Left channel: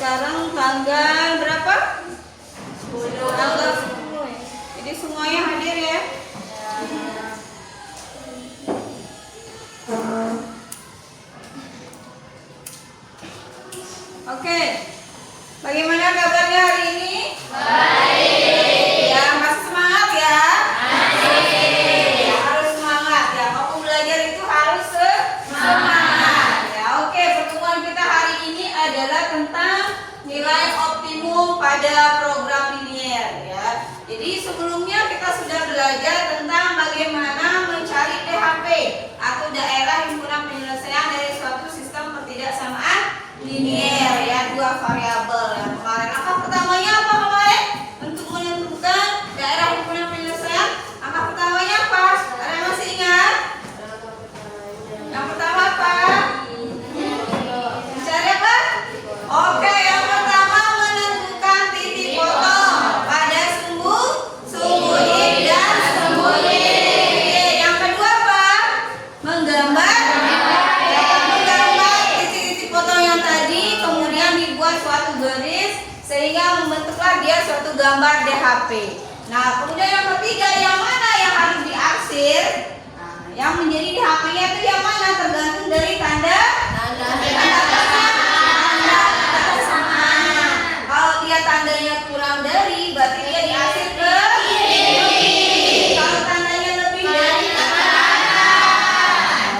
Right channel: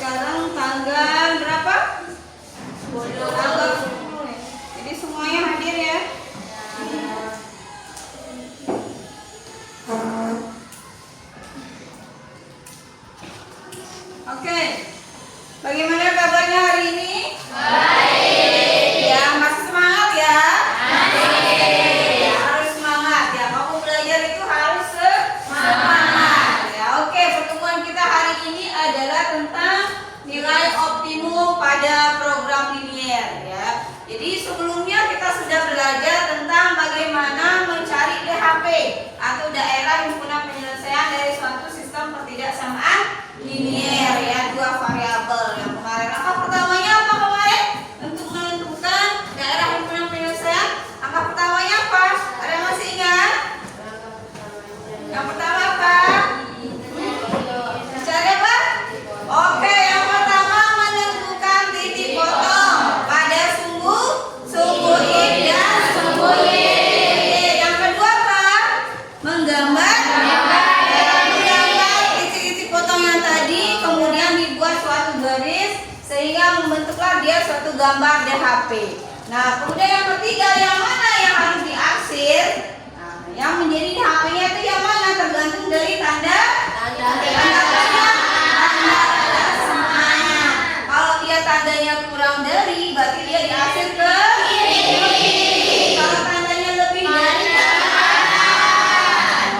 Sekarang tanggal berapa? 10. Tanggal 10. Jadi semuanya hadir ya. Oke. Bagaimana kabarnya hari ini? Baik. Ya, masih semangat ya? Baik. Harus semangat ya. Kamu belajar itu harus semangat. Ya, oke. Pertemuan kita hari ini adalah tentang nilai optimum pada program linier ya. Jadi sebelumnya kita sudah belajar tentang bagaimana mencari DHP atau daerah himpunan penyelesaian dari suatu sistem ketidaksamaan linier ya, dua variabel yang kemarin. Angka pertamanya apa kemarin? Untuk menentukan daerah himpunan penyelesaian, angka pertamanya apa? Ada yang masih ingat? Yang pertama apa? Mencari apa? Oke, yang pertama menentukan titik potong pada sumbu in dan sumbu yin. Yang kedua apa? Menggambar titik-titik potong yang tadi, kemudian dibuat suatu garis sehingga membentuklah dia suatu gambar DHP. Nah, kemudian yang ketiga, yang mana yang harus diarsir? Nah, yang menjadi DHP-nya itu yang mana? Tergantung dari tanda kesamaan. Kalau dia tandanya kurang dari, berarti dia diarsir ke kiri. Kalau tandanya lebih dari,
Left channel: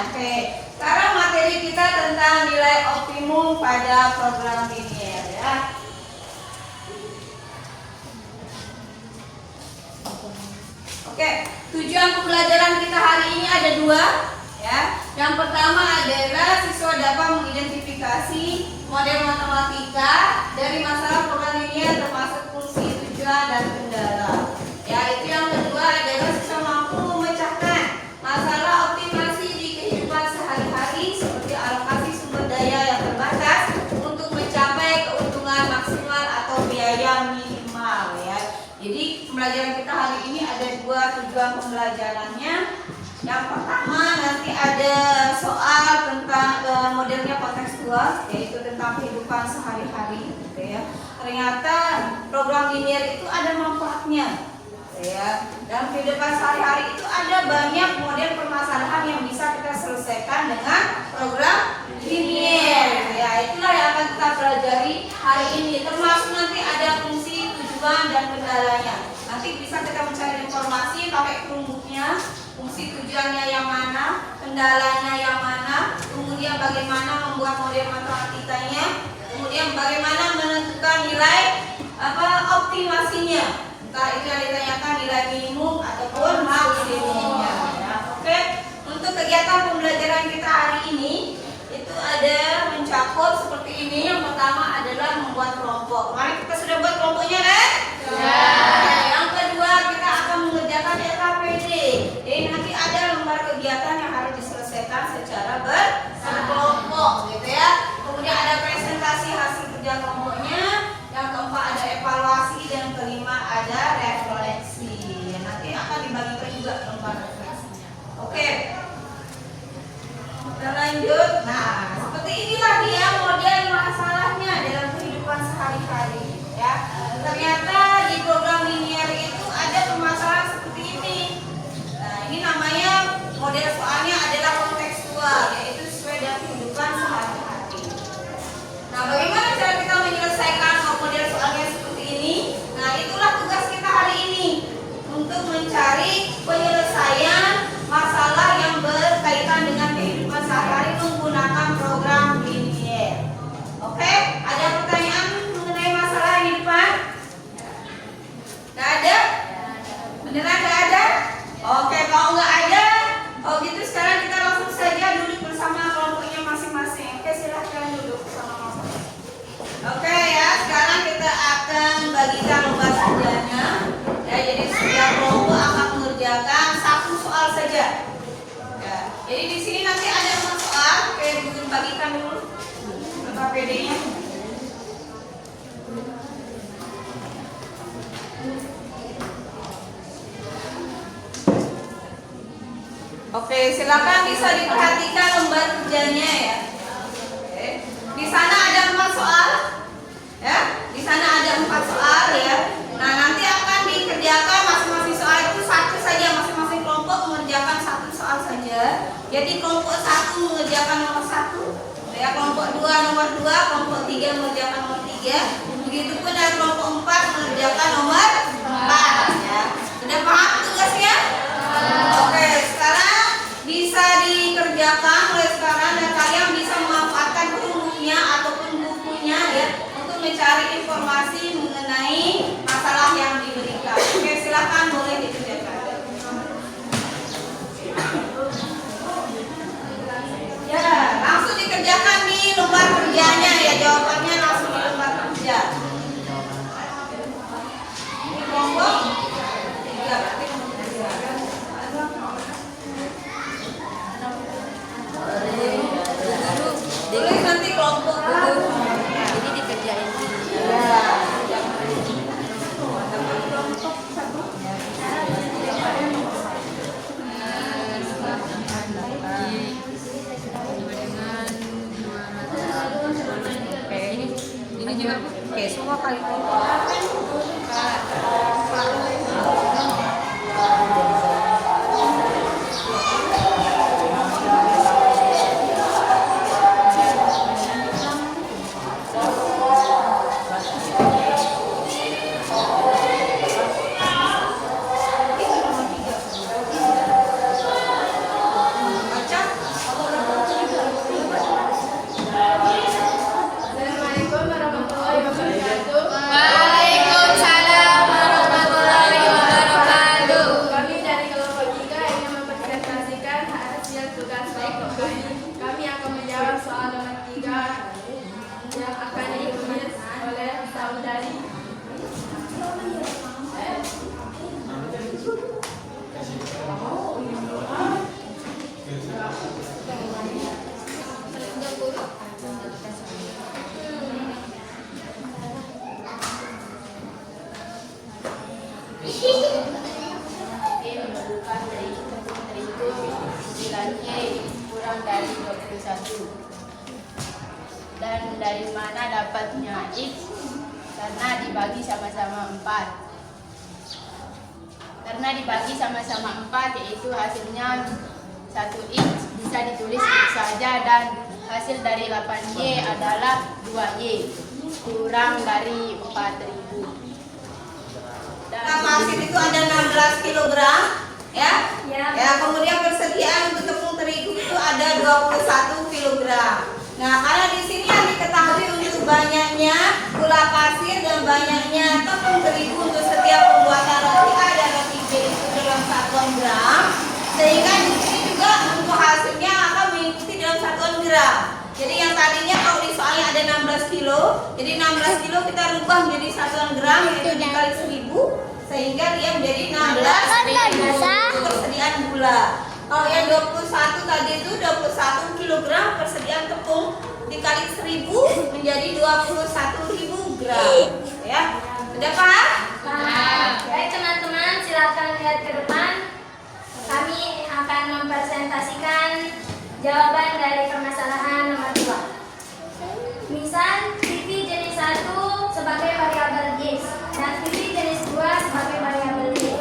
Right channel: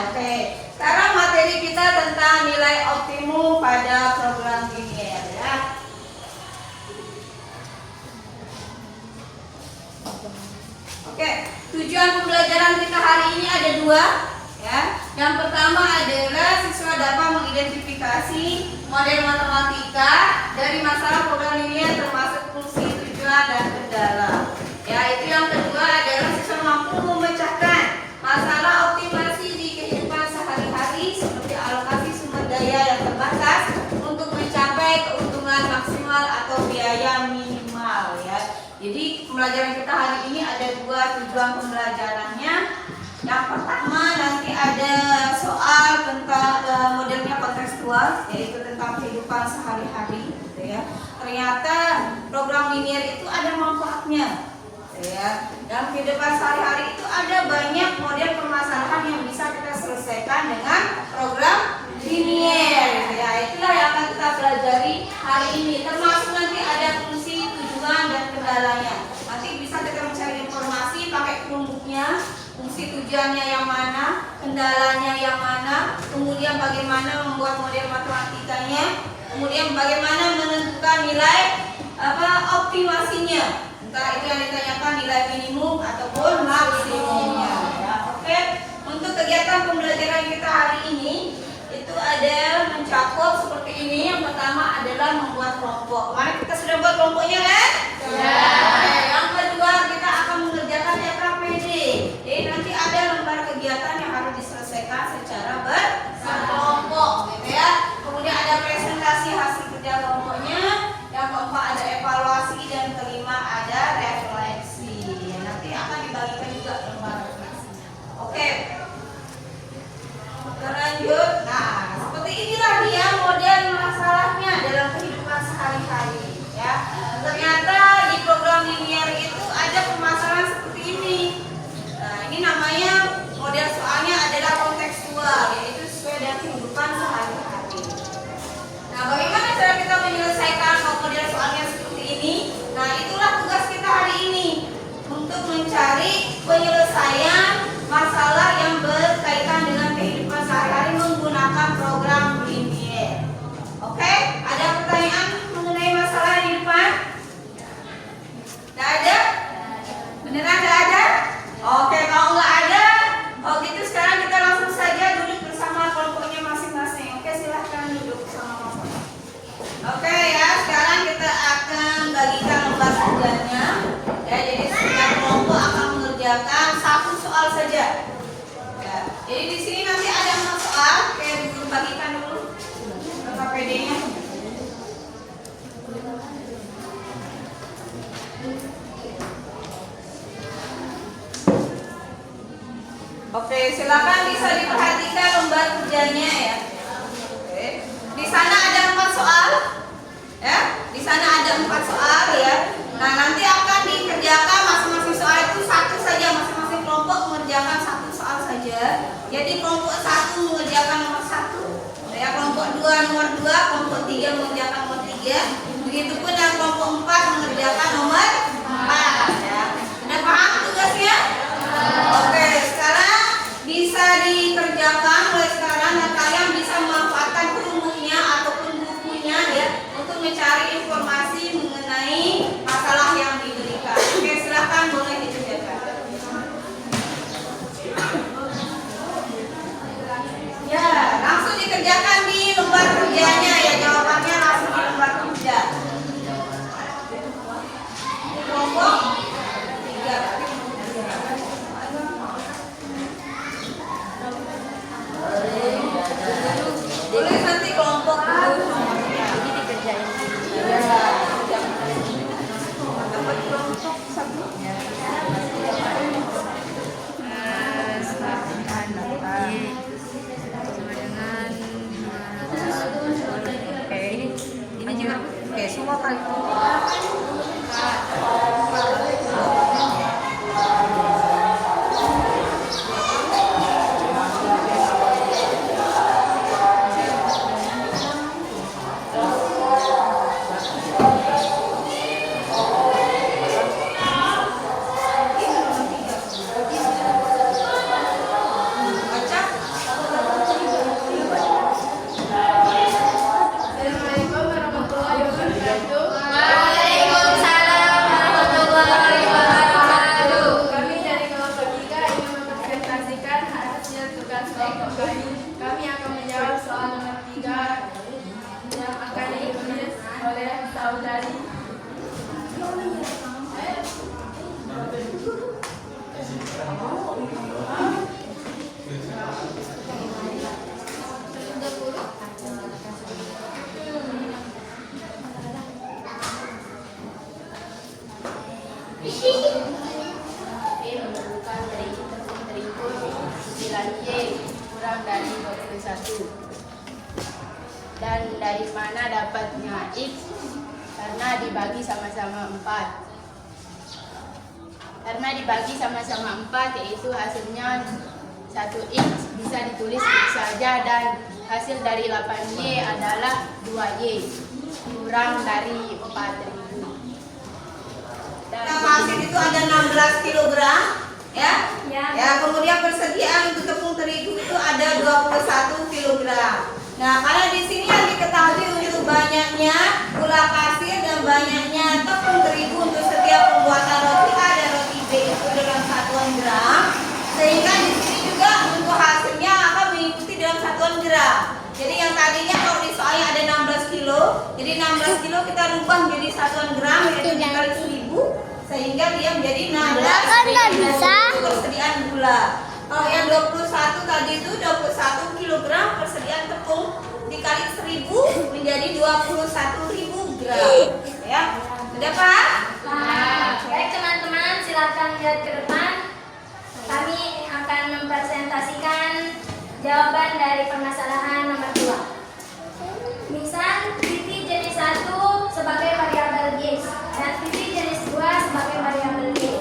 oke. Sekarang materi kita tentang nilai optimum pada program linier ya. Oke, tujuan pembelajaran kita hari ini ada dua ya. Yang pertama adalah siswa dapat mengidentifikasi model matematika dari masalah program linier termasuk fungsi, tujuan, dan kendala. Ya, itu yang kedua adalah siswa mampu memecahkan masalah optimasi di kehidupan sehari-hari seperti alokasi sumber daya yang terbatas untuk mencapai keuntungan maksimal atau biaya minimal ya. Jadi pembelajaran kita hari ini ada dua tujuan pembelajarannya. Yang pertama nanti ada soal tentang modelnya kontekstual, yaitu tentang kehidupan sehari-hari gitu ya. Ternyata program linier itu ada manfaatnya ya. Dan kehidupan sehari-hari itu ada banyak model permasalahan yang bisa kita selesaikan dengan program linier ya. Itulah yang akan kita pelajari hari ini, termasuk nanti ada fungsi, tujuan, dan kendalanya. Nanti bisa kita mencari informasi pakai kelompoknya, fungsi tujuannya yang mana, kendalanya yang mana, kemudian bagaimana membuat model matematikanya, kemudian bagaimana menentukan nilai optimasinya. Entah itu yang ditanyakan nilai minimum ataupun maksimumnya ya. Oke. Untuk kegiatan pembelajaran kita hari ini itu ada mencakup seperti ini. Yang pertama adalah membuat kelompok. Kemarin kita sudah buat kelompoknya kan? Ya. Yang kedua kita akan mengerjakan LKPD. Jadi nanti ada lembar kegiatan yang harus diselesaikan secara Beneran nggak ada? Oke, kalau nggak ada, oh gitu sekarang kita langsung saja duduk bersama kelompoknya masing-masing. Oke, silahkan duduk bersama-sama. Oke ya, sekarang kita akan bagikan lembar kerjanya. Ya, jadi setiap kelompok akan mengerjakan satu soal saja. Ya, jadi di sini nanti ada 4 soal. Oke, bagikan dulu ke KPD-nya. Oke, silakan bisa diperhatikan lembar kerjanya ya. Oke. Di sana ada 4 soal. Ya, di sana ada 4 soal ya. Nah, nanti akan dikerjakan masing-masing soal itu satu saja, masing-masing kelompok mengerjakan satu soal saja. Jadi kelompok 1 mengerjakan nomor 1, ya, kelompok 2 nomor 2, kelompok 3 mengerjakan nomor 3. Begitupun dan kelompok 4 mengerjakan nomor 4 ya. Sudah paham tugasnya? Oke, sekarang bisa dikerjakan mulai sekarang dan kalian bisa memanfaatkan perumuhnya ataupun bukunya ya untuk mencari informasi mengenai masalah yang diberikan. Oke, silakan boleh dikerjakan. Ya, langsung dikerjakan di lembar kerjanya ya, jawabannya langsung di lembar kerja. Kelompok 3. Boleh nanti kelompok nomornya. Ini dikerjain ya. Dapat kelompok 1. Ini juga oke, semua kali itu. Assalamualaikum warahmatullahi wabarakatuh. Waalaikumsalam warahmatullahi wabarakatuh. Kami dari kelompok 3 ingin mempresentasikan hasil tugas kelompok kami. Kami akan menjawab soal nomor 3 yang akan ditulis oleh saudari. Memerlukan terigu 9Y kurang dari 21. Dan dari mana dapatnya X? Karena dibagi sama-sama 4. Karena dibagi sama-sama 4 yaitu hasilnya 1X bisa ditulis X saja dan hasil dari 8Y adalah 2Y kurang dari 4.000. Hasil itu ada 16 kg ya. Ya, kemudian persediaan untuk tepung terigu itu ada 21 kg. Nah, karena di sini yang diketahui untuk banyaknya gula pasir dan banyaknya tepung terigu untuk setiap pembuatan roti A dan roti B itu dalam satuan gram, sehingga di sini juga untuk hasilnya akan mengikuti dalam satuan gram. Jadi yang tadinya kalau di soalnya ada 16 kilo, jadi 16 kilo kita rubah menjadi satuan gram, jadi dikali 1000 sehingga dia menjadi 16 persediaan gula. Kalau yang 21 tadi itu 21 kg persediaan tepung dikali 1000 menjadi 21.000 gram. Ya, sudah paham? Baik teman-teman, silakan lihat ke depan. Kami akan mempresentasikan jawaban dari permasalahan nomor 2. Misal titik jenis 1 sebagai variabel X dan titik jenis 2 sebagai variabel Y.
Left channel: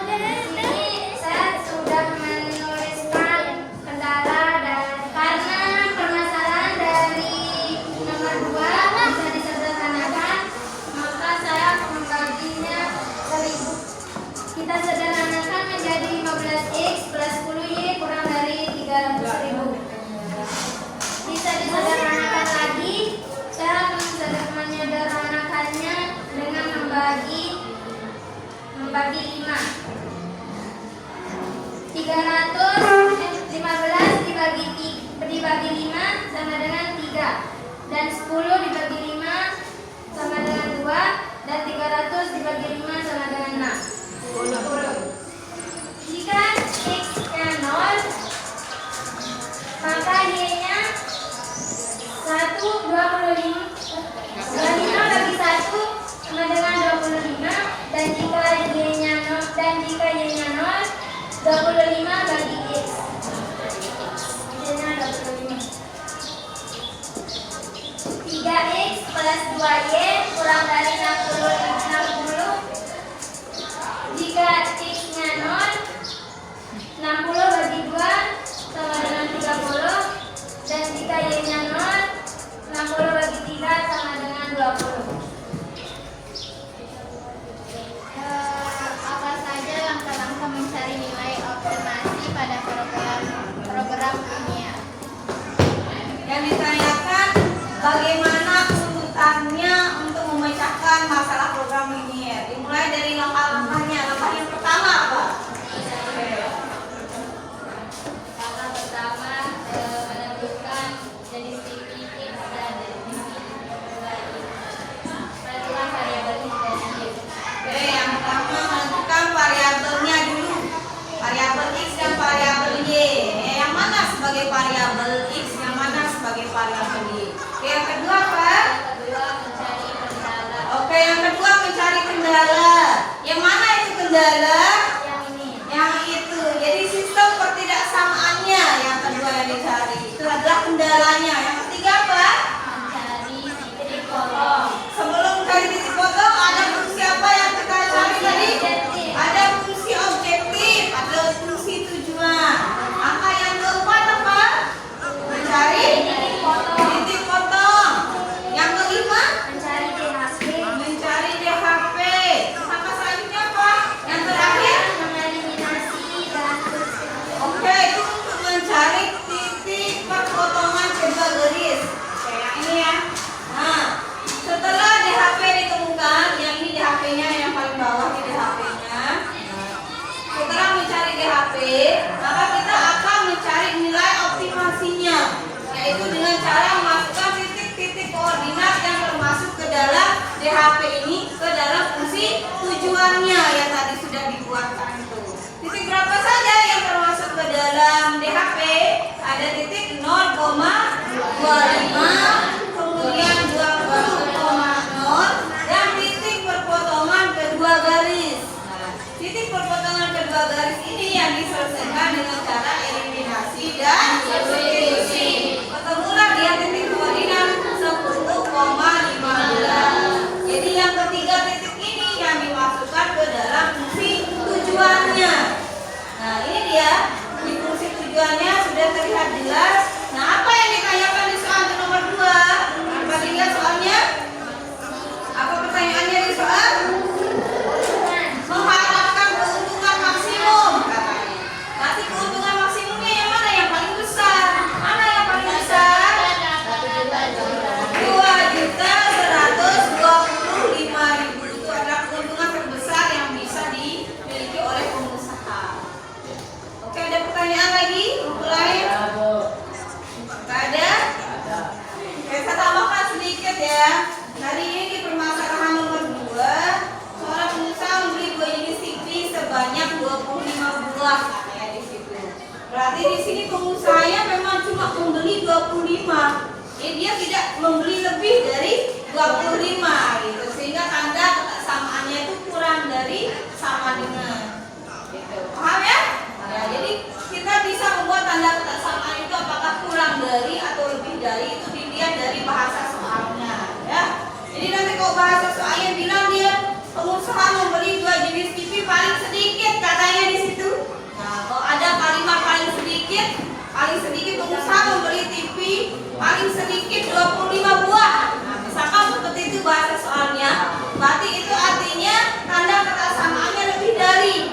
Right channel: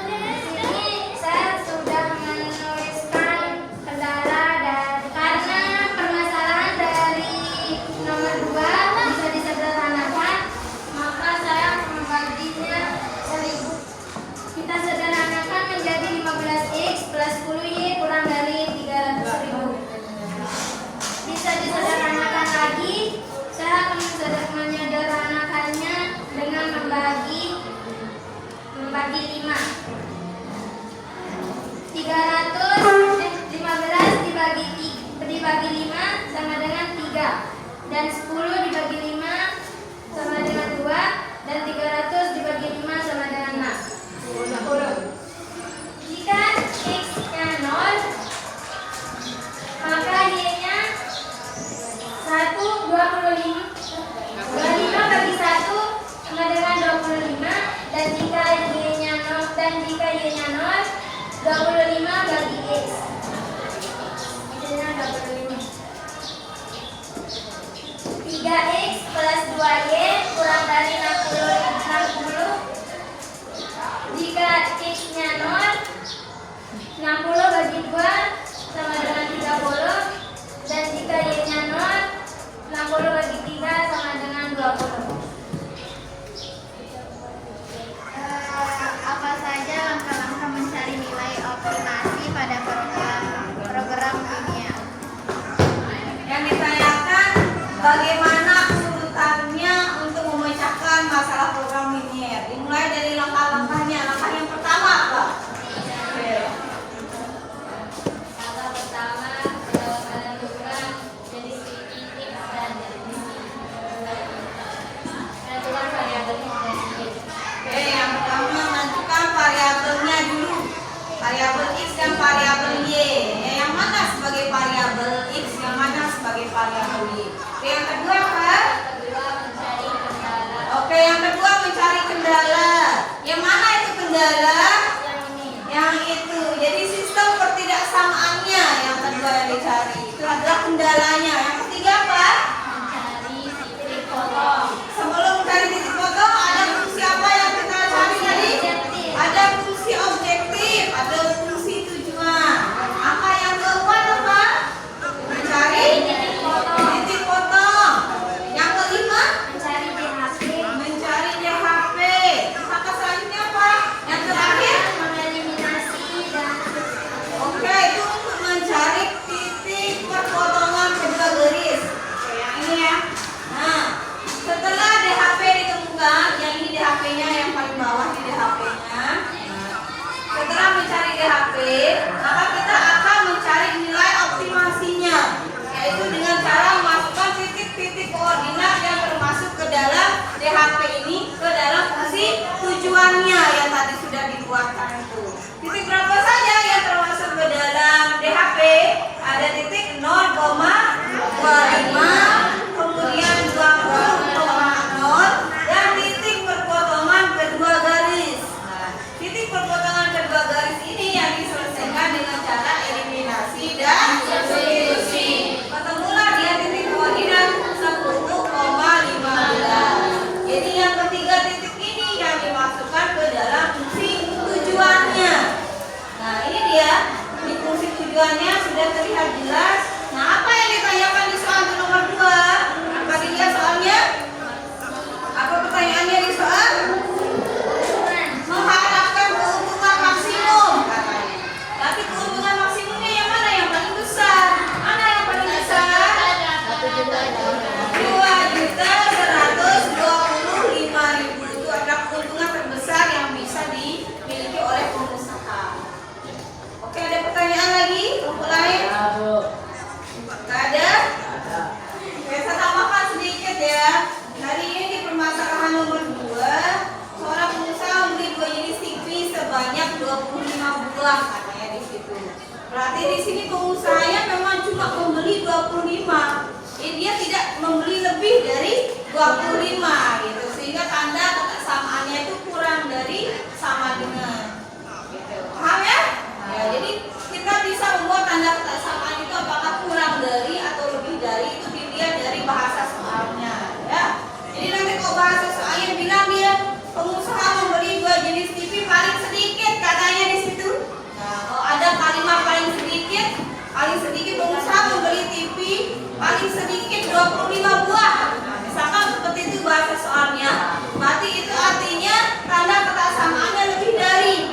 Di sini saya sudah menuliskan kendala dan karena permasalahan dari nomor 2 bisa disederhanakan, maka saya akan membaginya 1000. Kita sederhanakan menjadi 15X plus 10Y kurang dari 3. plus 2Y kurang dari 60. Jika X-nya 0, 60 bagi 2 sama dengan 30. Dan jika Y-nya 0, 60 bagi 3 sama dengan 20. Apa saja langkah-langkah mencari nilai optimasi pada program linear? Yang ditanyakan bagaimana urutannya untuk memecahkan masalah program linear. Dimulai dari langkah-langkahnya. Langkah yang pertama apa? Oke. Langkah pertama menentukan jenis titik dan jenis menentukan variabel X dan Y. Oke, yang pertama menentukan variabelnya dulu. Variabel X dan variabel Y. Yang mana sebagai variabel X, yang mana sebagai variabel Y. Oke, yang kedua apa? Kedua mencari kendala. Oke, yang kedua mencari kendala. Yang mana itu kendala? Yang ini Yang itu. Jadi sistem ketidaksamaannya yang kedua yang dicari. Itu adalah kendalanya. Yang ketiga apa? mencari titik potong. Sebelum mencari titik potong, ada fungsi apa yang kita cari tadi? Objektif. Ada fungsi objektif, ada fungsi tujuan. Angka yang keempat apa? Mencari Titik potong. titik potong. Yang kelima, Mencari DHP. mencari DHP. Angka selanjutnya apa? Yang terakhir, Mengeliminasi dan oke, itu untuk mencari titik perpotongan kedua garis. Oke, yang ini ya. Nah, setelah DHP ditemukan, yang ini DHP-nya yang paling bawah di DHP-nya. Setelah mencari DHP, maka kita akan mencari nilai optimasinya, yaitu dengan cara memasukkan titik-titik koordinat yang termasuk ke dalam DHP ini ke dalam fungsi tujuannya yang tadi sudah dibuatkan itu. Titik berapa saja yang termasuk ke dalam DHP? Ada titik 0,25, kemudian 20,0 dan titik perpotongan kedua garis. Nah, titik perpotongan kedua garis ini yang diselesaikan dengan cara eliminasi dan substitusi. Ketemulah dia titik koordinat 10,15. Jadi yang ketiga titik ini yang dimasukkan ke dalam fungsi tujuannya. Nah, ini dia. Di fungsi tujuannya sudah terlihat jelas. Nah, apa yang ditanyakan di soal nomor 2? Apa dilihat soalnya? Apa pertanyaannya di soal? Mengharapkan keuntungan maksimum katanya. Tapi keuntungan maksimumnya yang mana yang paling besar? Mana yang paling besar? 2.125.000 itu adalah keuntungan terbesar yang bisa dimiliki oleh pengusaha. Oke, ada pertanyaan lagi? Grup lain? Gak ada? Oke, saya tambahkan sedikit ya. Hari ini di permasalahan nomor 2, seorang pengusaha membeli 2 jenis TV sebanyak 25 buah katanya di situ. Berarti di sini pengusahanya memang cuma membeli 25. Dia tidak membeli lebih dari 25 gitu. Sehingga tanda kesamaannya itu kurang dari sama dengan. Gitu. Paham ya? Ya, jadi kita bisa membuat tanda kesamaan itu apakah kurang dari atau lebih dari, itu dilihat dari bahasa soalnya ya. Jadi nanti kalau bahasa soalnya bilang dia pengusaha membeli 2 jenis TV paling sedikit katanya di situ. Nah, kalau ada kalimat paling sedikit pengusaha membeli TV paling sedikit 25 buah. Nah, misalkan seperti itu bahasa soalnya, berarti itu artinya tanda kesamaannya lebih dari.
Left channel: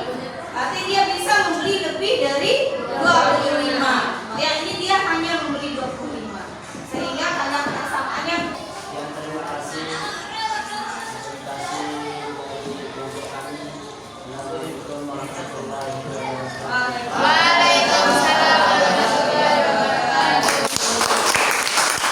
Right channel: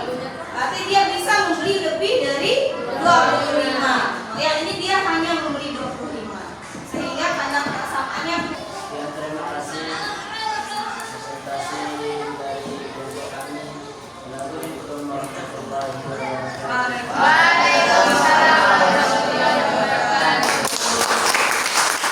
Berarti dia bisa membeli lebih dari 25. Ya, ini dia hanya membeli 25. Sehingga tanda kesamaannya. Yang terima kasih presentasi dari kelompok kami. Assalamualaikum warahmatullahi wabarakatuh.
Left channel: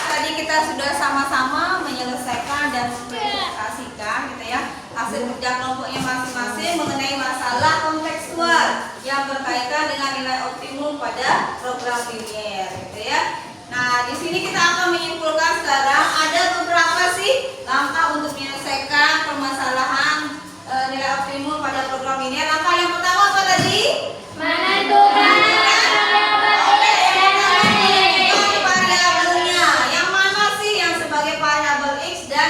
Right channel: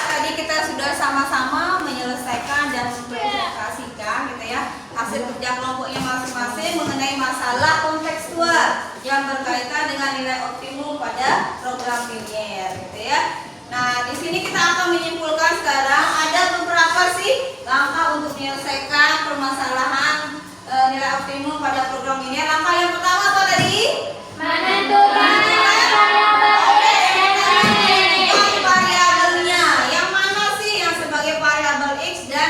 Tadi kita sudah sama-sama menyelesaikan dan mempresentasikan gitu ya hasil kerja kelompoknya masing-masing mengenai masalah kontekstual yang berkaitan dengan nilai optimum pada program linear gitu ya. Nah, di sini kita akan menyimpulkan sekarang ada beberapa sih langkah untuk menyelesaikan permasalahan nilai optimum pada program linear. Langkah yang pertama apa tadi? menentukan variabel X dan Y. Variabelnya yang mana sih yang sebagai variabel X dan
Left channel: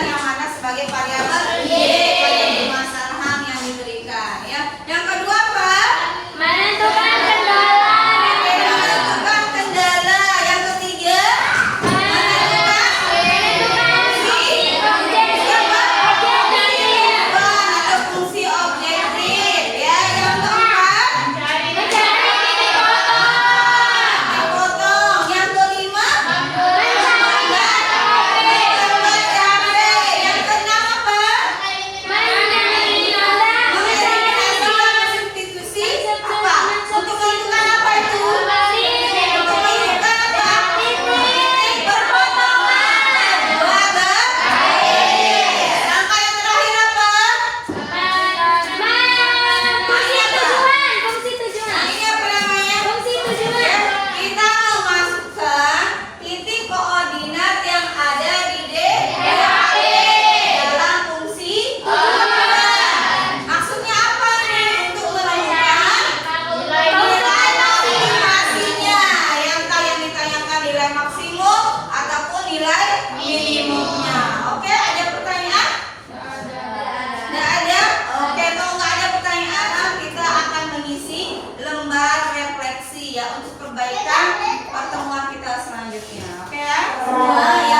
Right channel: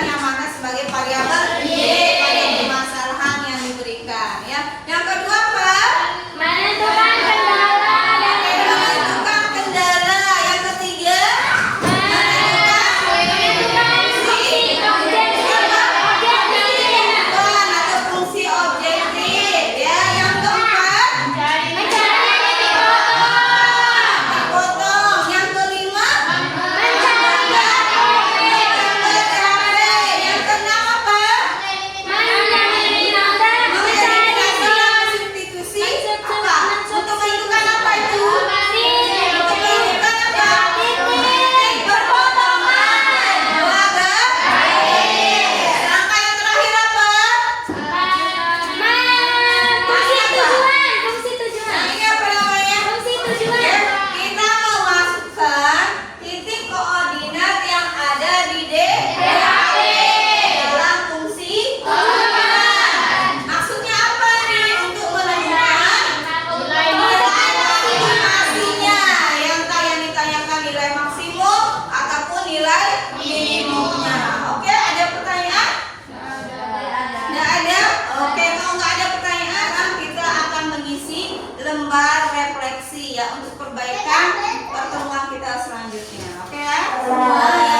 lembar refleksi ya untuk perbaikan pertemuan kita selanjutnya. Oke ya? Semua ya.